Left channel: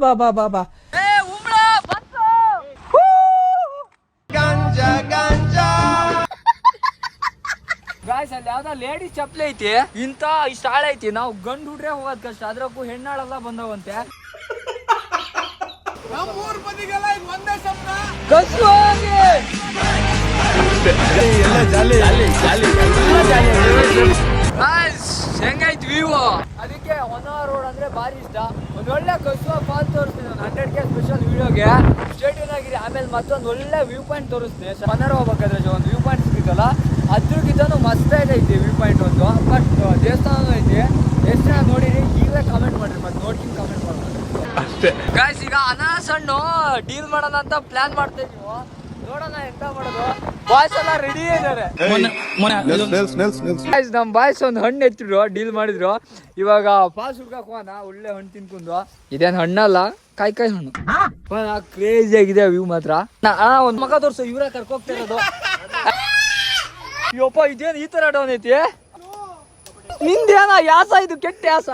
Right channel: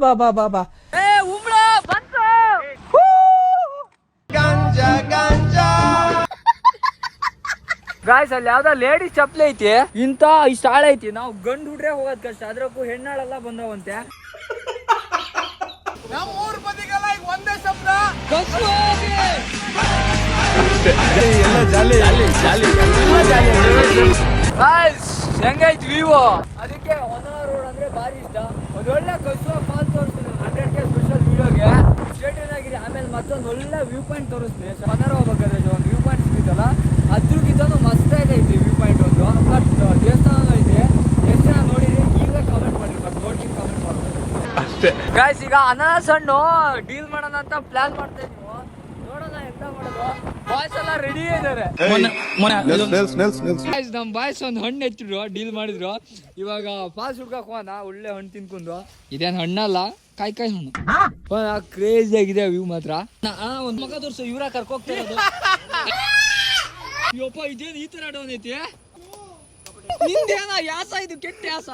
ಬಾ ಗಾಯ್ಸ್ ಅಲ್ಲಿ ಯಾವ್ದೋ ಲೇಡಿ ಚಪ್ಲಿ ಐತಿ ಇಂತ ಇಷ್ಟ ಆಳ ಐತಿ ನಾವು ಗಂಡು ಹುಡ್ರೆ ಹೋಗೋದ್ ಕಷ್ಟ ಅದ್ರಕ್ಕೂ ಹೆಣ್ಣಾಳೆಲ್ಲ ಬಂದವಂತೆ ಹೆಂಗೈತಿ ವ್ಯೂ ಅದಕ್ಕೆ ಹೊನ್ನಾವರ ರೋಡ್ ಅಂದ್ರೆ ಬಾರಿ ಇಷ್ಟ ಒಂದ್ ಒಳ್ಳೆ ಕಸುವ ಫಾಲ್ ತೋರಿಸ್ತೀನಿ 100K ಸ್ಪೆಷಲ್ ವಿಡಿಯೋಗೆ ಸ್ಟೇಟ್ ಆಗಿದೆ ಆಮೇಲೆ ಮತ್ತೊಂದು ಒಳ್ಳೆ ವ್ಯೂ ಪಾಯಿಂಟ್ ತೋರಿಸ್ತೀನಿ ಹೊನ್ನಾವರ ಹೋಗ್ಬೇಕಾದ್ರೆ ಒಂದು ವ್ಯೂ ಪಾಯಿಂಟ್ ಸಿಗುತ್ತಲ್ಲ ಅದ್ರಕ್ಕಿಂತ ಮಸ್ತಾಗಿ ಐತಿ ವ್ಯೂ ಪಾಯಿಂಟ್ ಒಂದು ಬಟ್ ದೇವಸ್ಥಾನ ಐತಿ ಎಷ್ಟು ಜನ ನೋಡಿರಿ ಈಗಲೇ ಕಮೆಂಟ್ ಮಾಡ್ರಿ ಬಟ್ ನೋಡ್ತೀನಿ ಕಮೆಂಟ್ ಮಾಡಿ ಅಷ್ಟೇ ಗಾಯ್ಸ್ ಈಗ ಅನಾನಸ್ ಹಣ್ಣು ಡೀಲ್ ಮಾಡೋಣ ಅಂತ ಪ್ಲಾನ್ ಮಾಡ್ತೀವಿ ನೀವು ನೋಡೋಣ ಎಂತ ಮಾಡೋದು ಬಾಯ್ಸ್ ಎಲ್ಲ ರೆಡಿ ಇದ್ದಾರೆ ನಮ್ ಬಾಯ್ಸ್ ಒಂದು ಹಣ್ಣು ಎತ್ತಿದ್ರು ಡೀಲ್ ಮಾಡಿದ್ರು ಇವಾಗ ಪಾಸ್ ಹುಡ್ಕಕ್ ಹೋಗೋಣ ಒಳ್ಳೆ ಹಣ್ಣು ತಿನ್ಕೊಂಡು ಇದೇನ್ ಹಣ್ಣಲ್ಲ ಕಾಯಿ ಹಣ್ಣು ಕ್ರೇಜಿ ಆಗಿದೆ ವ್ಯೂ ಮಾತ್ರ ಒಂದ್ ಮಗ ತೋರ್ಸು ಇವ್ರ ಕರ್ಕೋಗ್ತಾ ಇರೋದು ಯಪ್ಪ ಇದೇನು ಈ ತರ ಡೌನ್ ಐತಿ ನಿಂದೇನ ಯಾಸ ಇದು ಕೆಟ್ಟ ಯಾಸ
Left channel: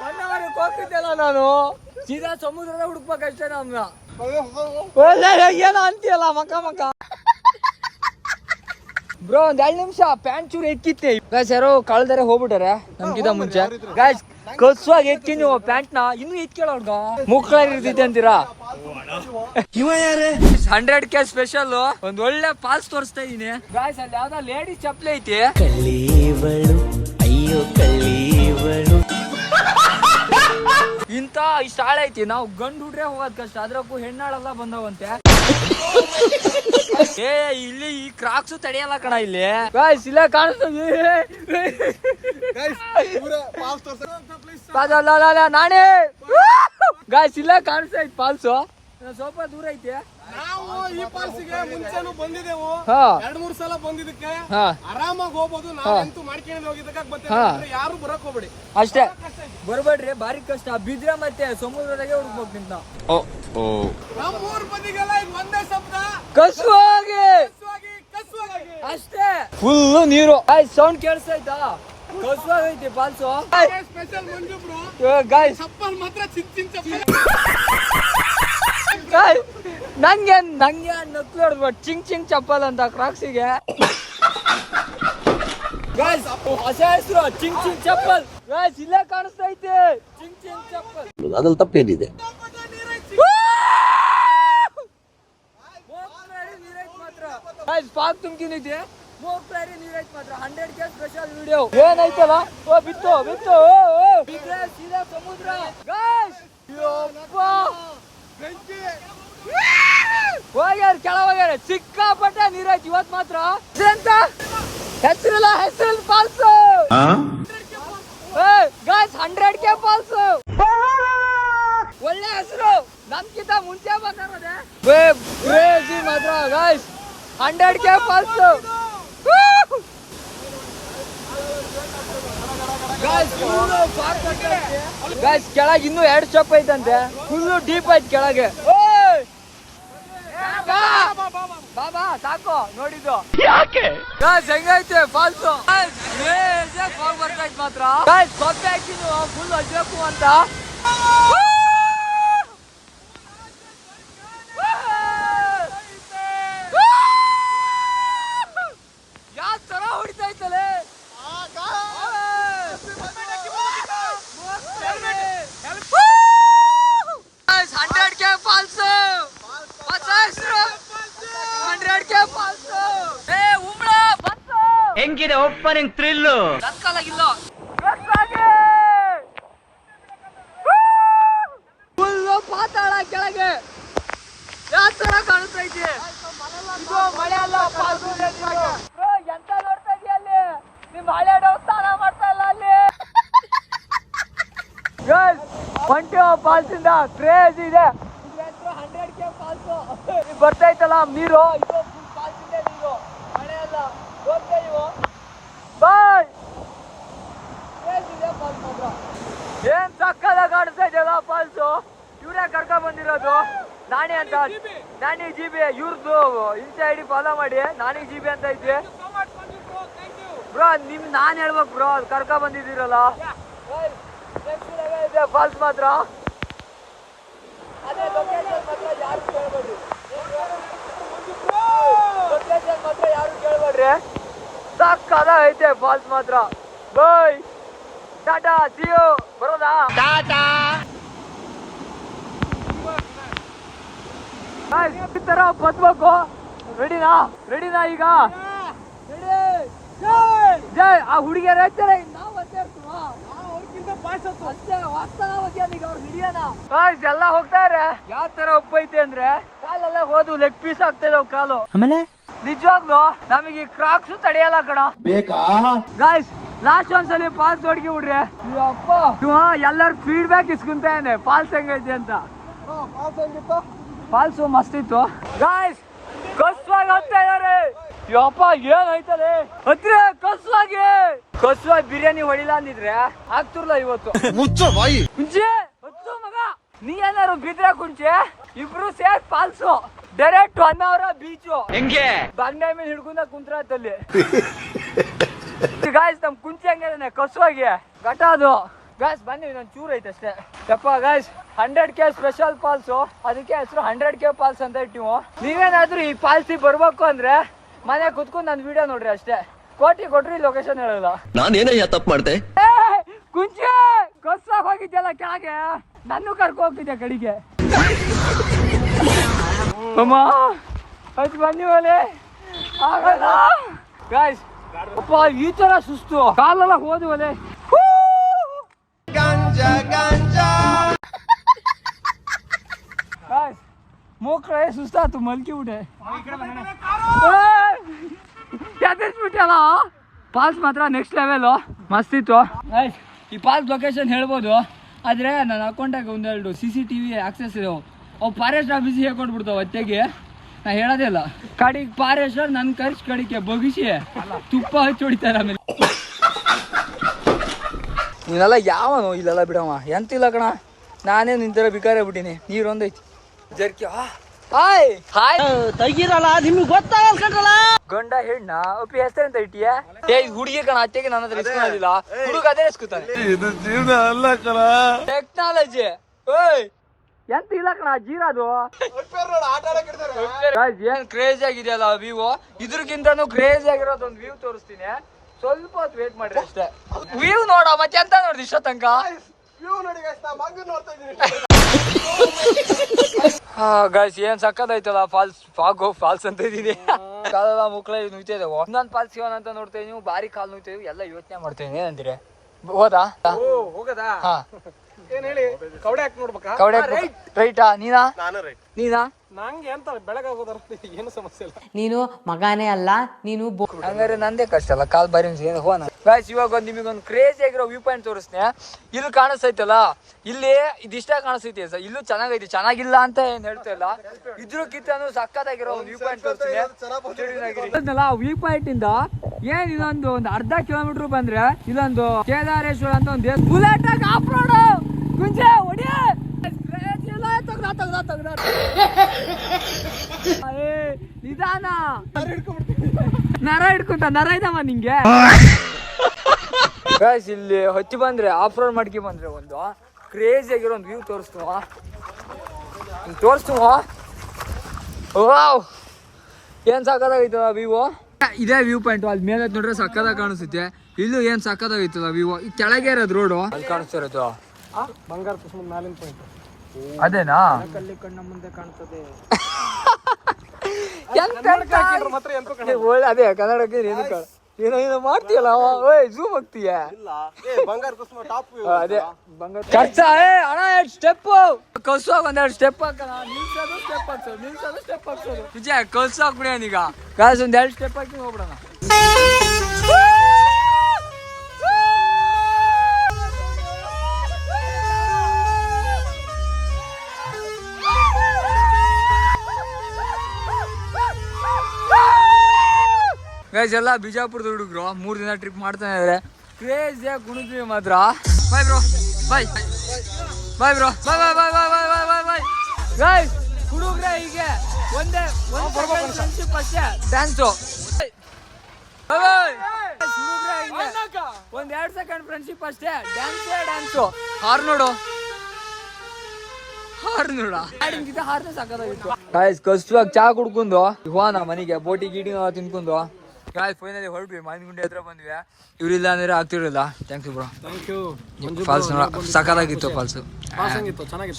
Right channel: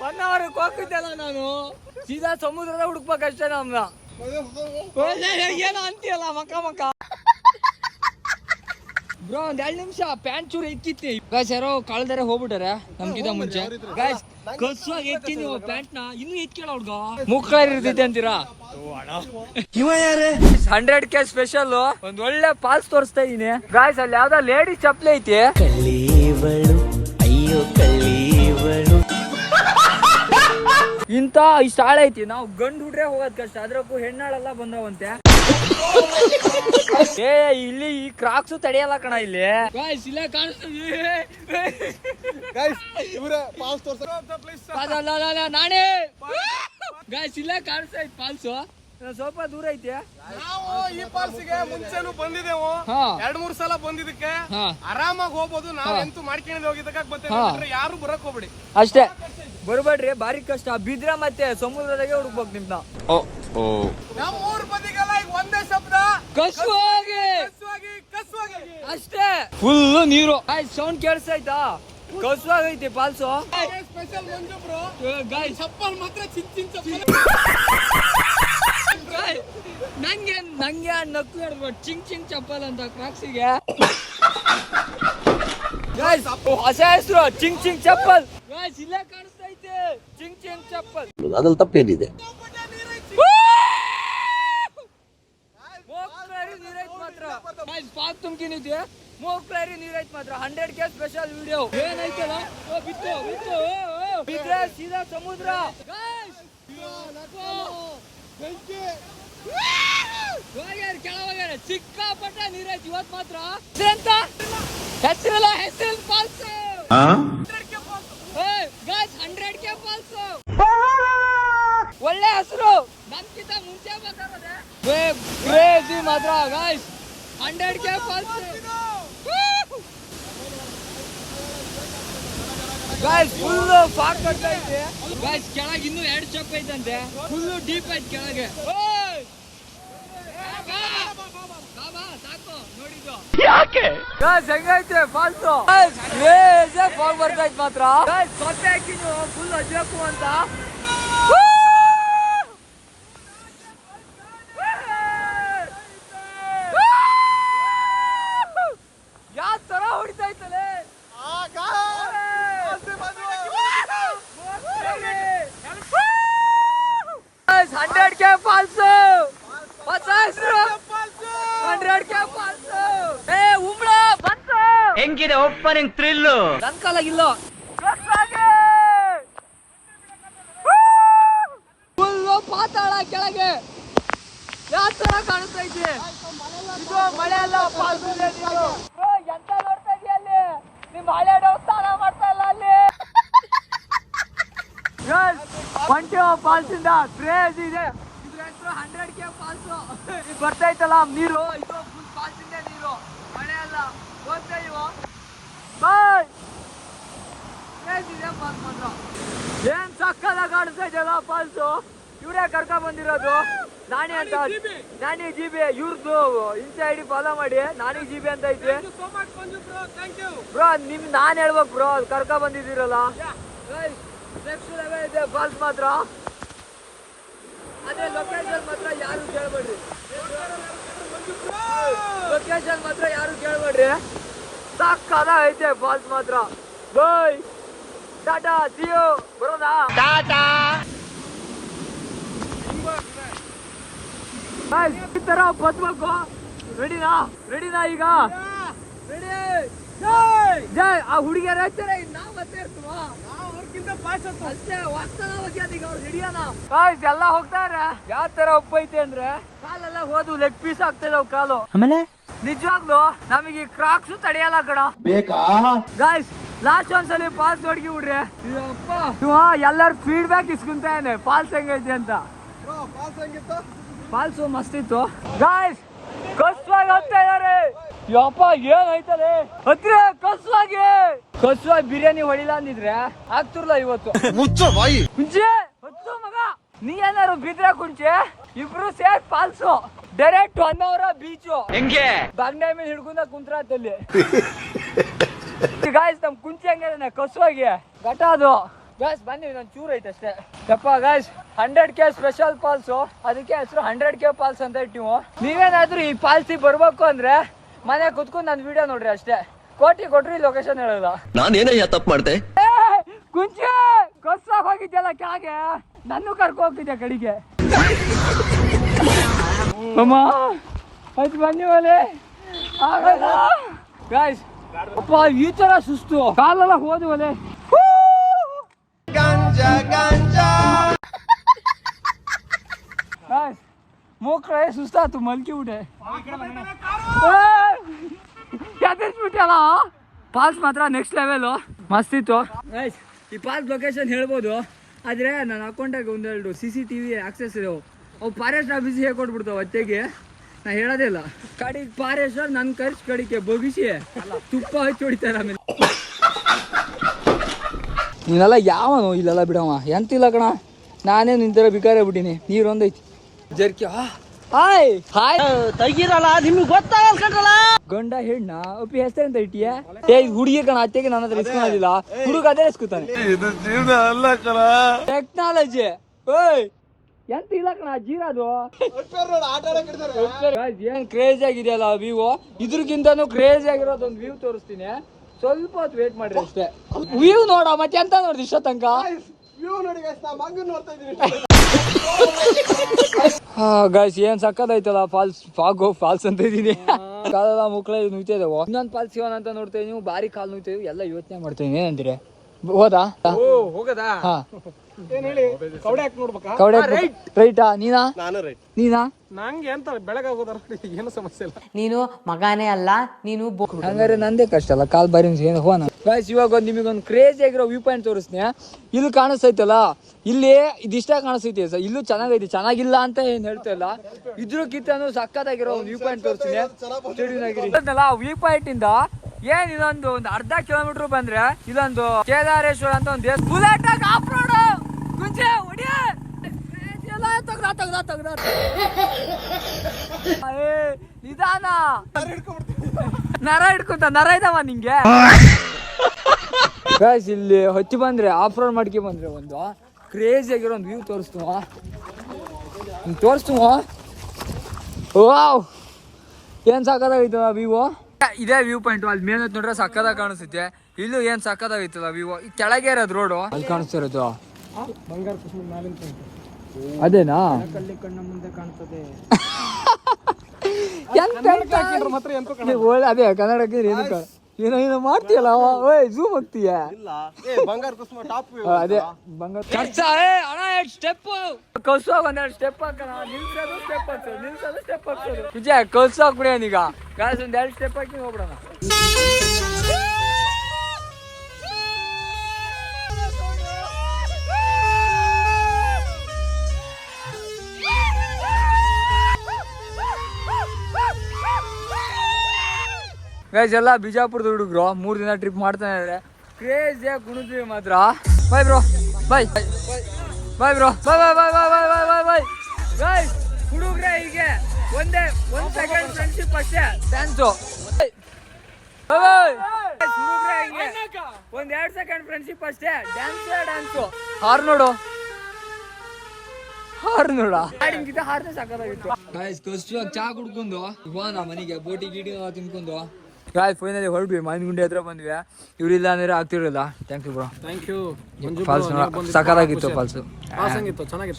ಹೊನ್ನಾವರಕ್ಕೆ ಹೋಗ್ತಿದ್ದಲ್ಲ ನಾನು ಸೀದಾ ಸಮುದ್ರದ ಹುಡುಕ್ಬೇಕಷ್ಟೇ ನಮ್ನ ಏನೋ ಅಂತೀಯಲ್ಲ ಮಕ್ಕ ಬ್ರೋ ಒಂದ್ 2 ನಿಮಿಷ ಪ್ಯಾಂಟ್ ಚೂರು ಎಕ್ಕಿತ್ತೆ ಗಾಯ್ಸ್ ಯಾರೋ ಕಳ್ದಾರೆ ಹೋಗ್ಬಿಟ್ಟಾರೆ ನಮ್ಗಿಂತ ಮುಂಚೆ ಗಾಯ್ಸ್ ಕಸುವಾಗಿ ಎತ್ತಿ ನೀವು ಪ್ಯಾಂಟ್ ನ ಇನ್ನೂ ಎತ್ಕೇಳ ಹುಡ್ಗ ಮುಖ ಇರ್ತೈತೆ ಅಂತೀರಾ 100K ಸ್ಪೆಷಲ್ ಒಂದ್ ಒಳ್ಳೆ ಪಾಲ್ಸ್ ತೋರಿಸ್ತಾ ಇದೀನಿ ಗಾಯ್ಸ್ ಅಲ್ಲಿ ಯಾವ್ದೋ ಲೇಡಿ ಚಪ್ಲಿ ಐತಿ ಅಯ್ಯೋ ಕಳ್ಳೀವಳು ಇಂತ ಇಷ್ಟ ಆಳ ಐತಿ ನಾವು ಗಂಡು ಹುಡ್ರೆ ಹೋಗೋದ್ ಕಷ್ಟ ಅದ್ರಕ್ಕೂ ಹೆಣ್ಣಾಳೆಲ್ಲ ಬಂದವಂತೆ ಏ ಇಲ್ಲಿ ಈ ಕ್ರಾಕ್ಸ್ ತಡೆಯಲ್ಲ ಕಣ ಇಲ್ಲಿ ಗಾಯ್ಸ್ ಇಲ್ಲ ಕಾಣಿಸ್ತೀವಿ ನಾನೇ ಗಾಯ್ಸ್ ಇಲ್ಲ ಕಾಣಿಸ್ತಾ ಐತಿ ಪಾಲ್ಸು ಸ್ವಲ್ಪ ದೂರ ಐತಿ ನಾವು ಈ ಪಾಲ್ಸಿಗೆ ಮುಂಚೆನೂ ಬಂದಿದ್ದೆವು 2-3 ಸಲ ಬಂದಿದ್ದಕ್ಕೆ ಆರಾಮಾಗಿ ಹೋಗ್ಬೋದು ನಾವಂತೂ ಮಾಡ್ಕೊಂಡು ಹೋಗಿದ್ದಕ್ಕೆ ಯಾರು ಬರಕ್ ಹೋಗ್ಬೇಡಿ ಅಷ್ಟೇ ಬರ್ಬೇಡ್ರಿ ಬಾರಿ ಕಷ್ಟ ಬಿದ್ರೆ ಮತ್ತೆ ಸಮುದ್ರದಾಗೆ ಹುಡುಕ್ಬೇಕು ನಿಮ್ನ ನಮ್ಮೂರ್ ಬಂದಿಗೆಲ್ಲ ಈಗ ಒಂದೇ ಶಬ್ದ ಕಸುವಾಗಿ ಅಷ್ಟೇ ಫುಲ್ ನೀರು ಸೌಂಡ್ ಕೇಳಿಸ್ತಾ ಕಸುವಾಗೈತಿ ಪಾಲ್ಸು ಸ್ಪೆಷಲ್ ಮಂಜು ಬ್ರೋ ಗಾಯ್ಸ್ ಚಪ್ಪಲ್ ಮಾತ್ರ ಚಿನ್ ಚಪ್ಪಲ್ ನಂಗೆ ನಕ್ಲು ಹೊಡೆದ್ಬಿಟ್ಟು ಚಿಂಗ್ ಚಪ್ಪಲ್ ಅಂತ ಕ್ರಾಕ್ಸಿಗೆ ಹೊಸ ಹೆಸರು ಚಿಂಗ್ ಚಪ್ಪಲ್ ಗಾಯ್ಸ್ ಇಲ್ಲೇ ಕಾಣಿಸ್ತಾ ಐತೆ ಚಿಂಗ್ ಚಪ್ಪಲ್ ಅದ್ರಲ್ಲಿ ತಪ್ಪೇನಿದೆ ಪಾಕ್ ತುಂಬ್ಕಿನಿದೆ ಮೂಕ್ಲಾರಿ ನೀರೈತ್ ಮಾತ್ರ 100K ಸ್ಪೆಷಲ್ ವಿಡಿಯೋ ಏನೈತಲ್ಲ ಓ ಬಿತ್ತು ಬಿದ್ರೆ ಸೀದಾ ಸಮುದ್ರ ಗಾಯ್ಸ್ ಹೋಗ್ಯಾರ ಕೆಳ ಹೋಗ್ಯಾರ ಸಿಕ್ಕಾಪಟ್ಟೆ ನೀರೈತಿ ಇವತ್ ಮಾತ್ರ ಹೆಸರಿಲ್ಲ ಫಾಲ್ಸ್ ಗಾಯ್ಸ್ 100K ಫಾಲ್ಸ್ ಒಳ್ಳೆ ಹೆಸರು ನಮ್ಗಿಂತ ಮುಂಚೆ ಬಂದಿರೋದೆ ಕ್ರೇಜಿ ಮಾತ್ರ guys 100K follows guys full ಫಾಕ್ ಐತೆ ಗಾಯ್ಸ್ ಕೆಳಗೆ ಇನ್ನೂ 2 ಸ್ಟೆಪ್ ಐತಂತೆ ಫುಲ್ ಡೀಪ್ ಐತೆ ಕೆಳಗೆ ಬಾಬಾ ಸಾಕು ನೋಡಿದ್ದು ಯಾಕೆ ಗಾಯ್ಸ್ ಹೆಂಗೈತೆ ಫಾಲ್ಸ್ ಕ್ರೇಜ್ ಫಾಗ್ ಬರ್ತೈತೆ ಮಾತ್ರ ಗಾಯ್ಸ್ ಸೊತ್ತೆ ಹಾಕಿನು ಫುಲ್ ಅಜ್ಜಕು ಅಂತ ಯಾವ ತರ ಹೊಡಿತೈತಲೆ 100K ಫಾಲ್ಸ್ ಹೊಸ ಹೆಸರು 100K ಫಾಲ್ಸ್ ಉಂಬ್ಳ ಬಂತು ಹೆಂಗಿದೆ ಓಪನಿಂಗ್ ಥ್ರಿಲ್ ನನ್ ಕಾಲಾಗಿಲ್ಲ ಫಾಲ್ಸ್ ಇಂದ ಕ್ರೇಜ್ ಇದೆ 100K ಫಾಲ್ಸ್ ಬರ್ತೈತಲ್ಲ ನೀರು ಇದು ಫುಲ್ ಫಾಲ್ಸ್ ಇಂದ ನೀರು ಮಳೆ ಎಲ್ಲ ಹೋಗ್ತಾ ಇವು ಬಾಯ್ ಕ್ರೇಜ್ ಇದೆ ಫಾಲ್ಸ್ ಮಾತ್ರ ಏನ್ ಸಕ್ಕದಾಗ ಕಾಣಿಸ್ತಾ ಇದೆಯಲ್ಲ ಫಾಲ್ಸ್ ಇವರೇ ಕರ್ಕೊಂಡ್ ಬಂದಿರೋದು ನಾಣಿ ಅಂತ ನಾಣಿ GB ಇವ್ರದ್ದು ಇನ್ಸ್ಟಾ ಐಡಿ ಫಾಲೋ ಮಾಡಿ ನಾಣಿ GB ಅಂತ ಐತೆ ಬ್ರೋ. ನಾನ್ ಹೇಳ್ಬೇಕು ಬ್ರೋ, ಕರ್ಕ ಬಂದಿದ್ದೀರಲ್ಲ ನೆಕ್ಸ್ಟ್ ಲೆವೆಲ್ ಇದೆ ಫಾಲ್ಸ್ ಮಾತ್ರ. ಅದೇ ಲೊಕೇಶನ್ ಮಾತ್ರ ಯಾರು ಕೇಳ್ಬೇಡ್ರಿ, ಲೊಕೇಶನ್ ಮಾತ್ರ ಯಾರು ಕೇಳ್ಬೇಡ್ರಿ, ಸಕ್ಕದ ಐತೆ ಫಾಲ್ಸ್ ಮಾತ್ರ. ಬಾಯ್ ಟಾಟಾ ಸಿ ಯು. ಬರೋದಾ ಟಾಟಾ. ಈ ತರ ಬದ್ಬೇಕು. ರೆಡಿನಾ ಈಗ ರೆಡಿ. ಆ ಹುಡುಗಿಯರ ನಾವು ಅಷ್ಟೇ ಇರ್ತೀವ, ಅಷ್ಟೇ ವಾಸ್ತವ ಈಗ ಅವ್ರು ಹಿಡಿಯೋಣ. ಎಲ್ಲ ಹೋಗ್ತಾರೆ. ಯಾವ ತರ ಒಪ್ಪೈತೆ ಅಂದ್ರೆ ಕಾಲೆಲ್ಲ ಹೋದು ಲೆಗ್ ಪೀಸ್ ಆಗ್ತದೆ ಕಾಲು. ಆಮೇಲೆ ನಿಜವಾಗ್ಲು ನಮಗೆ ಕ್ರಾಕ್ಸ್ ತಡೆಯಲ್ಲ ಕಣ ಬೇಕಾ ಗಾಯ್ಸ್. ಲಾಸ್ಟ್ ಒಂದ್ಸಲಿ ಫಾಲ್ಸ್ ಹೊಡ್ಗಿ ಬಿಡ್ರಿ. ಅಪ್ಪ ಎಲ್ಲರೂ ಫೀಡ್ಬ್ಯಾಕ್ ಇಸ್ಕೊಂತಾನೆ ಫಾಲ್ಸ್ ಹೆಂಗೈತಿ ಅಂತ. ಫಾಲ್ಸು ಮಸ್ತ್ ಇತ್ತು. ಕಸ್ವಾಗಿ ಬಿರಿಯಾನಿ ಹೊಡಿಲ್ಲ ಅಂದಿದ್ರೆ ಆಗ್ತಿರ್ಲ ಇವತ್ತು. ನೀನೇನಾರು ಬಿದ್ರೆ ಕುಂಚೆ ಇಬ್ರು ಸೇರ್ ಫಾಲ್ಸು ಡೈರೆಕ್ಟ್ 1 hour ಬೀಚು ಹೆಂಗೆ ಬಾಗ್ನ ಮೇಲೆ ಹಿಡ್ಕೊಂಡ ಕುಂತ್ರಲ್ಲಿ. ಗಾಯ್ಸ್ ನಮ್ ಕುಂಚೆ ಹೆಂಗಿದೆ ಕಸ್ವಾಗಿ ಕಟಾದು. ಗಾಯ್ಸ್ ಬನ್ನಿ ಇದೊಂದು ಚೂರು ಐತೆ ಅಷ್ಟೇ. ಯಪ್ಪ ಗಾಯ್ಸ್ 100K ಸ್ಪೆಷಲ್ ಫಾಲ್ಸ್, ಅದಕ್ಕೆ ಹೆಸರು 100K ಫಾಲ್ಸ್ ಅಂತ ಇಟ್ಟಿವು. ನೀವೇನಾದ್ರೂ ಈ ಫಾಲ್ಸಿಗೆ ಬರ್ಬೇಕು ಅಂದ್ರೆ ಮನೆ ಕುತ್ಕೊಂಡು ನನ್ನ ವಿಡಿಯೋ ನೋಡ್ರಿ ಅಷ್ಟೇ. ಕೋಟಿ ಕೊಟ್ರಿ ಲೊಕೇಶನ್ ಹೇಳಲ್ಲ. ನಾನೇನಯ್ಯ ತಪ್ಪು ಮಾಡ್ದೆ? ಕುಂಚೆ ಹೋಗಿದ್ದೆಲ್ಲ ಕ್ಯಾಗೆ ನಾನು ಕರ್ಕೊಂತಿದ್ದೆ ಕಡೆಗೆ. ಅಮ್ಮ ಅದು ಬನ್ನಿ ಮೇಲೆ ಆಗಲ್ಲ ಗಾಯ್ಸ್. ಅಪ್ಪ ಈ ತರ ಸುಸ್ತು ಕಾಲೆಲ್ಲ ಹೋದ್ವಲೆ. ಮೂಕ್ರೆ ಸುಸ್ತಾತು ಮಲ್ಕಿ ಬಿಟ್ಟೆ. ಫಾಲ್ಸ್ ಮಾತ್ರ ನೆಕ್ಸ್ಟ್ ಲೆವೆಲ್ ಮಸ್ತ್ ಇತ್ತು. ಈ ಫಾಲ್ಸ್ ಲೊಕೇಶನ್ ಹೇಳ್ಬೋದು, ಆದ್ರೆ ನನ್ನ ಅಕೌಂಟಾಗ ಒಂದೆರಡು CCTV ಆಕ್ಸೆಸ್ ಇದಾವೆ. ಅವು ಫಾರೆಸ್ಟ್ ಆಫೀಸಿಗೆ ಹೇಳ್ಕೊಟ್ಬಿಡ್ತಾವೆ ಅತ್ತೆಗೆ. ನಾ ಹೇಳೋದಿಲ್ಲ. ಕಡಿಗೆ ಫಾರೆಸ್ಟರ್ ನನ್ನ ಖರ್ಚು ಕಡಿಕೆ ಬಗಿಸಿ ತುಪ್ಪ ಹಚ್ಚಿ ಹೊಡಿತಾರೆ. ಆಮೇಲೆ ನೀನೆಲ್ಲ ಯಾವ ಇಲ್ಲೆಲ್ಲ ಬಿಡವ ಎಂತಿಲ್ಲ ಕಣ. ನಾನೇ ನಿಂತರ ಬಿಕಾರೆ ಬಿಟ್ಟಿನಿ. ನೀರೊಂದೈತಿ ಜರ್ಕಿ ತೆಗಿರಲ್ಲ ನಿಮ್ಗೆ ಗೊತ್ತಾಗಲ್ಲ. ಗಂಡ ಹೆಣ್ಣ ಒಪ್ಪಿ ಹೆಸರೆಂತ ಇಟ್ಟಿಯ ಹುಡುಗಿ ಕಣ. ಅತ್ತೆಗೆ ನನ್ನ ಹತ್ರ ಇಸ್ಕೊಂಡಿಲ್ಲ, ಹುಡುಗ ಅದೇ ಇಸ್ಕೊತಾನೆ. ಟೆಕ್ನಾಲಜಿ ಎಂತ ಇಲ್ಲ ಕಣ ಜೀರಾದು. ಏನ್ ಕ್ರೇಜಿ ಆಗಿದೆಯಲ್ಲ ವ್ಯೂ. ಇದ್ರಗಿಂತನೂ ಕ್ರೇಜಿ ಆಗಿರೋದು ಒಂದು ವ್ಯೂ ತೋರಿಸ್ತೀನಿ. ಸ್ವಲ್ಪ ಹೊತ್ತು ವೇಟ್ ಮಾಡ್ರಿ ಅಷ್ಟೇ. ವ್ಯೂ ನೋಡ ಮತ್ತೆ ಎಂತ ನೋಡ್ರಿ ಇಷ್ಟ ತನಕ. ಹಾ ಗಾಯ್ಸ್ ಏನ್ ಸಕ್ಕದೈತಲ್ಲ ಫಾಲ್ಸ್. ಫಾಲ್ಸ್ ಅಂತ ಇದೀನಿ. ಕಾಲೆಲ್ಲ ಮುಕ್ಳೆ ನುಯ್ತಿದ್ದೇವೆ. ಇನ್ನೊಂದು ಫಾಲ್ಸ್ ಸಿಗೋಣ ಅಂತ ನೋಡ್ತೇವೆ. ನೀವು ಬಾರಿ ಕಾಲು ನುಯ್ತೇವೆ ಎಲ್ಲ ಯೋಚನೆ ಮಾಡ್ತೇವೆ. ಏನಂತೀರಿ ಹೋದಾ ಹೋಗದಾ? ಕವಡೆ ರೈಟಾ? ನೀನಾ ನಂಗೆ ಅಂತ ಬೆಳಗಾಗೋದ್ರ ಏನು ಸಮಸ್ಯೆ ಇಲ್ಲ. ನೀನು ಮಗಾನೇ ಅಲ್ಲ, ನೀನು ಹಂಗಾರೆ ನಂದೇ ಕಷ್ಟ ಅಲ್ಲ ಕಾಲ್ ಬಾರಿ ಫೋನ್. ಗಾಯ್ಸ್ ಇವಾಗ ನಿಮಗೊಂದು ಕ್ರೇಜಿ ಆಗಿರೋ ವ್ಯೂ ಪಾಯಿಂಟ್ ತೋರಿಸ್ತೀನಿ. ಇಲ್ಲಿ ಕಾಣಿಸ್ತೈತಲ್ಲ, ಇಲ್ಲಿ ಇದಿಷ್ಟ ಕಾಣಿಸ್ತೈತಿ. ಇಲ್ಲೂ ಚೆನ್ನಾಗೈತಿ, ಚೆನ್ನಾಗಿಲ್ಲ ಅಂತ ಏನ್ ಹೇಳ್ತಾ ಇಲ್ಲ. ಇದ್ರಕ್ಕಿಂತ ಸಕ್ಕತ್ತಾಗಿರೋ ಒಂದು ವ್ಯೂ ಪಾಯಿಂಟ್ ತೋರಿಸ್ತೀನಿ. ವ್ಯೂ ಪಾಯಿಂಟ್ ಇಂದ ಏನ್ ಇದೊಂದು ಅರ್ಧ ಕಿಲೋಮೀಟರ್ ಬಂದ್ರೆ ಇಲ್ಲೊಂದು ಕೇದಾರೇಶ್ವರ ಅಂತ ಒಂದು ಬುಲೆಟ್ ಆಫ್ ರೋಡ್ ಕುಂಚೆ ಹೊಡಿ. ನಿಧಾನ ನರ ಹಿಡ್ಕೊಂತ ನರ ಇದಾವ ನಿಂಗೆ. ಇಲ್ಲಿ ಹೊತ್ತಿ ಬಂದ್ರೆ ಆಫ್ ರೋಡ್ ಮಾಡ್ಕೊ ಬಂದ್ರೆ ಒಂದು ಕ್ರೇಜಿ ಆಗಿರೋ ಒಂದು ವ್ಯೂ ತೋರಿಸ್ತುವ. ಏನ್ ಸಾಕದಾಗೈತಲ್ಲ ವ್ಯೂ. ಇದೇ ವ್ಯೂ ಪಾಯಿಂಟ್. ಅಲ್ಲಿ ಮೇಲೆ ನೋಡ್ರೆ ಸಕ್ಕದಾಗ ಕಾಣಿಸುತ್ತೆ. ಇಲ್ಲೂ ಏನ್ ಸಕ್ಕದಾಗೈತಲ್ಲ ವ್ಯೂ. ಈ ಕೆಳಗೆ ಇರೋದು ರೋಡು ಕಾಣಿಸ್ತಿರೋದು ಅದೇನಾ? ಅದೇ ಕನ್ನಡಕ್ಕೆ ಏನು ಮಾಡ್ತೀಯಲ್ಲ ಝೂಮ್ ಹೋಗ್ತೀಯ. ಸ್ಟೆಪ್ ಕಲ್ಸೋಗ ಒಂದೆರಡು ಸ್ಟೆಪ್ ಹಾಕೋಣ. ನಿಲ್ಸೋದು ಸ್ಟೆಪ್ ಹಾಕ್ಸೋದು, ನಿಲ್ಸೋದು ಸ್ಟೆಪ್ ಹಾಕ್ಸೋದು. ವಿಜಯ ಕಲ್ಸೋಕ್ ಬಿಡಿಯೋನೀಗ ಗಾಸ್ ಒಂದ್ 2 ಸ್ಟೆಪ್ ಹಾಕಿ ಹೋಗ್ಬಿಡೋಣ. ಗೈಸ್ ಎಲ್ಲ ಬಿಜಾಪುರದ ಹುಡುಗರು 3 ದಿನ ಟ್ರಿಪ್ ಮಾಡ್ತಾನೆ ಇದಾರೆ. ಕ್ರೇಜಿ ಕುಣಿದ್ವಿ ಮಾತ್ರ. ಬಾಯ್ ಬ್ರೋ, ಬಾಯ್ ಬಾಯ್ ಬ್ರೋ, ಬಾಯ್ ಬಾಯ್ ಬಾಯ್ ಬಾಯ್ ಬಾಯ್ ಬಾಯ್ ಬಾಯ್ ಬಾಯ್. ಗೈಸ್ ಹುಡುಗ್ರೆ ಹೀಗೆ ಒಂದ್ ಸೆಕೆಂಡ್ ಫ್ರೆಂಡ್ಶಿಪ್ ಅಷ್ಟೇ ಡ್ಯಾನ್ಸು. ಹುಡುಗ್ರೆ ಹಿಂಗೆ 1-2 ಸೆಕೆಂಡ್ ಫ್ರೆಂಡ್ಶಿಪ್ ಅಷ್ಟೇ ಡ್ಯಾನ್ಸು. ಹಾರ್ ನೋಡು ಹಾಡಿಂಗಿದ್ದ ಹಾರ್ನೇ ಸಾಕಾಗಿತ್ತು. ಗಾಯ್ಸ್ ಕಷ್ಟವಾಗಿ ಚಾ ಕುಡ್ಕೊಂಡು ಹೋನ ಮನೆಗೆ ಬೋಟಿ ಗೀಟಿ ತಿನ್ಕೊಂಡು ಗಾಯ್ಸ್ ಫೈನಲಿ ಹೊರಡ್ವಿ. ಮಾವಿನಗುಂಡಿ ಹತ್ರ ಬಂದ್ವಿ. ಇವ್ರಿಲ್ಲ ಅಂದ್ರೆ ಆಗ್ತಿರಲಿಲ್ಲ. Thanks bro. Thank you. Follows ಸಾಕಾಗಿತ್ತು. ಫಾಲ್ಸ್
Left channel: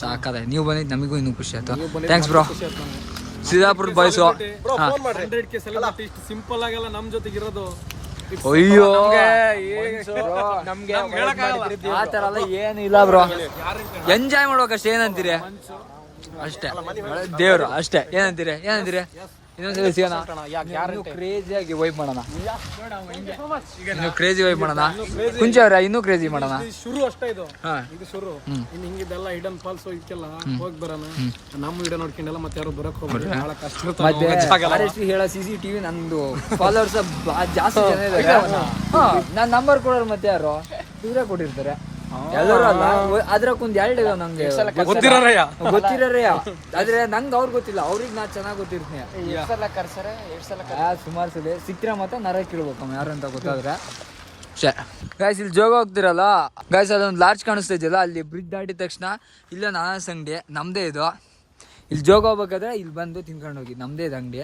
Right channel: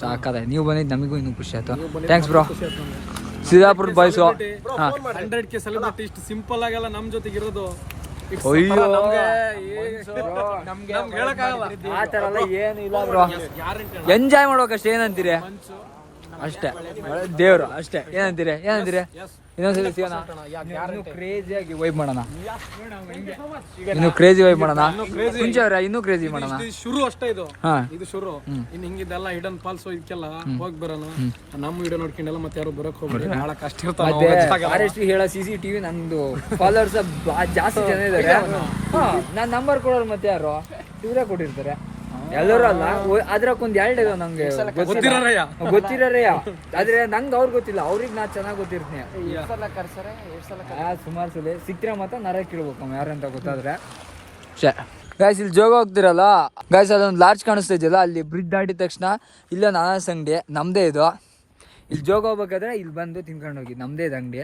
ಸಾಕಾಗಿ ನೀವು ಬಂದಿದ್ದು ನಮಗೂ ಇನ್ನೂ ಖುಷಿ ಆಯ್ತು. Thanks bro. Siddapura boys 100K celebrity ಇಷ್ಟು ಸಿಂಪಲ್ ಆಗೆಲ್ಲ ನಮ್ ಜೊತೆಗೆ ಇರೋದು. ಅಯ್ಯೋ ಹೇಳಕ್ಕಾಗಲ್ಲ ಆ ತರ ಎಲ್ಲ ಏನು ಇಲ್ಲ ಬ್ರೋ. ಎಂಜಾಯ್ ಮಾಡ್ಬೇಕಷ್ಟೇ. ಏನಂತೀರಿ ಅಷ್ಟೇ ದೇವ್ರು ಅಷ್ಟೇ. ಏನಂತೀರಿ ಇನ್ನೊಂದ್ಸಲ ಸಿಗೋಣ. ಇನ್ನೂ ಕ್ರೇಜಿಯಾಗಿ ವೈಬ್ ಮಾಡೋಣ. ಇನ್ನು ಕ್ರೇಜಿ ವೈಬ್ ಮಾಡೋಣ. ಕುಂಚೆ ಅವ್ರೆ ಇನ್ನೂ ಕ್ರೇಜಿ ಮಾಡೋಣ. ಶುರು ಅಷ್ಟೇ ಇದು. ಇದು ಶುರು. ಇನ್ನು ಹಿಂಗಿದ್ದೆಲ್ಲ ಹಿಡನ್ ಫಾಲ್ಸ್ ಇದಕ್ಕೆಲ್ಲ ಹೋಗಿ ಬರೋಣ. ನಮ್ಮ ವಿಡಿಯೋ ನೋಡ್ಕೊಂಡೆಲ್ಲ ಮತ್ತೆ ಯಾರು ಬರಕ್ ಹೋಗ್ತಾರೆ. ಬಹಳ ಕಷ್ಟ. ಮತ್ತೆ ಹೇಳೋ CCTV ನಂದು ಫಾಲೋವರ್ಸ್ ಜಾಸ್ತಿ ಜನ ಇದಾರೆ. ನಾನ್ ನಂಬರ್ ಕೊಡೋರು ಮತ್ತೆ ಯಾರು ಇವರೇ ಕೊಟ್ಟಿರ್ತಾರೆ. ಎಲ್ಲರೂ ಅಲ್ಲ ಅದ್ರಕ್ಕೊಂದ್ 2 ಇದಾವೆ ನಂಗೆ ಗೊತ್ತಿರೋರಯ್ಯ. ಆದ್ರೆ ನಂಗೆ ಅವ್ರು ಗೊತ್ತಿಲ್ಲ. ಅವ್ರಿಗೆ ನಾ ಚೆನ್ನಾಗಿ ಗೊತ್ತಿರ್ತೀನಿ. ಸುಮಾರು ಸಲ ಸಿಕ್ಕ್ರೆ ಮತ್ತೆ ನರ ಕೇಳ್ಬೇಕು ಯಾರಂತ ಗೊತ್ತಾದ್ರೆ. ಗಾಯ್ಸ್ ಇಲ್ಲಿ ಜೋಗ ಹೋಗ್ತಿರಲ್ಲ ಗಾಯ್ಸ್, ಅದೊಂದು ಲಾಡ್ಜ್ ಕಾಣಿಸ್ತಾ ಇದೆಯಲ್ಲ, ಅಲ್ಲಿ ಬ್ರಿಡ್ಜ್ ದಾಟಿದ ತಕ್ಷಣ ಇಲ್ಲೊಂದು ಅನಾನಸ್ ಅಂಗಡಿ ನಮ್ದೇ ಇದು. ಇಲ್ಲಿ ಜೋಗ ಹೋಗ್ಬೇಕಾದ್ರೆ ಇಲ್ಲಿ ಬಂದು ತಿನ್ಕೊಂಡು ಹೋಗಿ ನಮ್ದೇ ಇದು ಅಂಗಡಿ.